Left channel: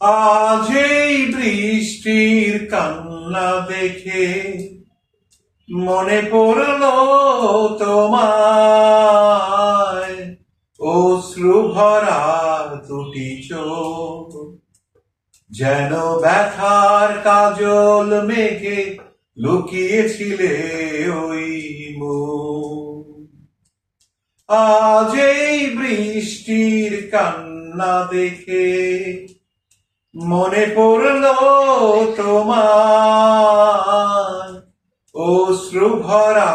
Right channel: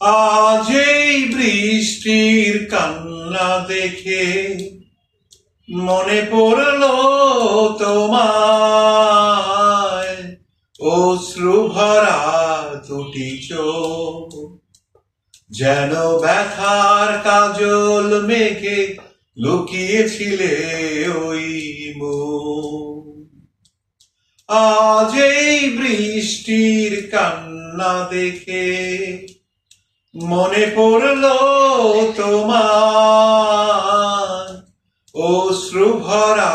আজ এই বৃষ্টির কান্না দেখে মনে পড়লো তোমায়, অশ্রু ভরা দুটি চোখ যেন ব্যথার কাজল মেঘে লুকিয়েছিলে ওই মুখ। আজ এই বৃষ্টির কান্না দেখে মনে পড়লো তোমার, অশ্রু ভরা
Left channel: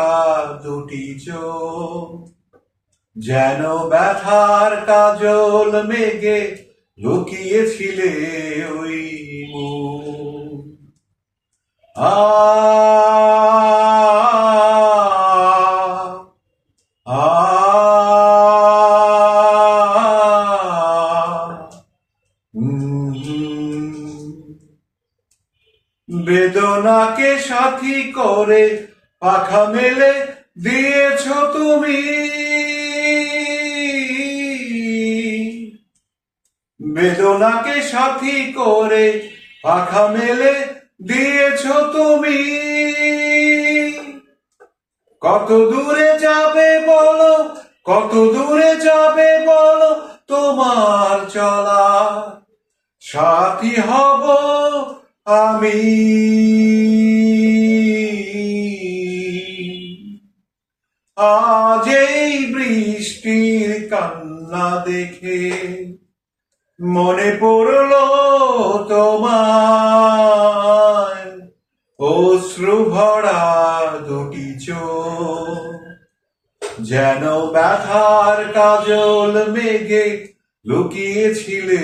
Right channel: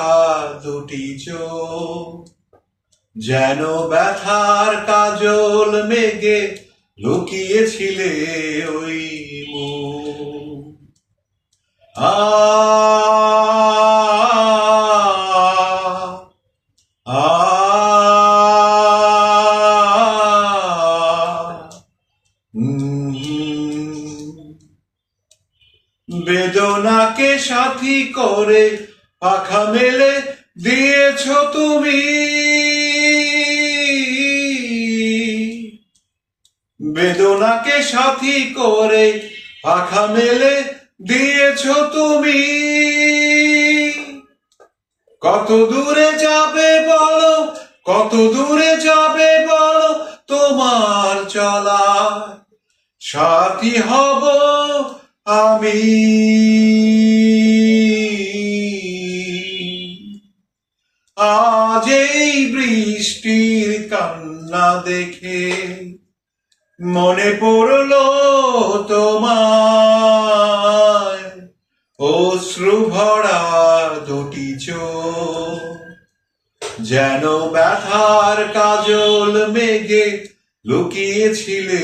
দুটি চোখ যেন ব্যথার কাজল মেঘে লুকিয়েছিলে ওই মুখ। আ আ বেদনাকে সাথী করে পাখা মেলে দিয়েছো তুমি, বেদনাকে সাথী করে পাখা মেলে দিয়েছো তুমি। কত দূরে যাবে বলো, কত দূরে যাবে বলো, তোমার চলা সাথী হব আমি। আজ এই বৃষ্টির কান্না দেখে মনে পড়লো তোমায়, অশ্রু ভরা দুটি চোখ যেন ব্যথার কাজল মেঘে লুকিয়েছিলে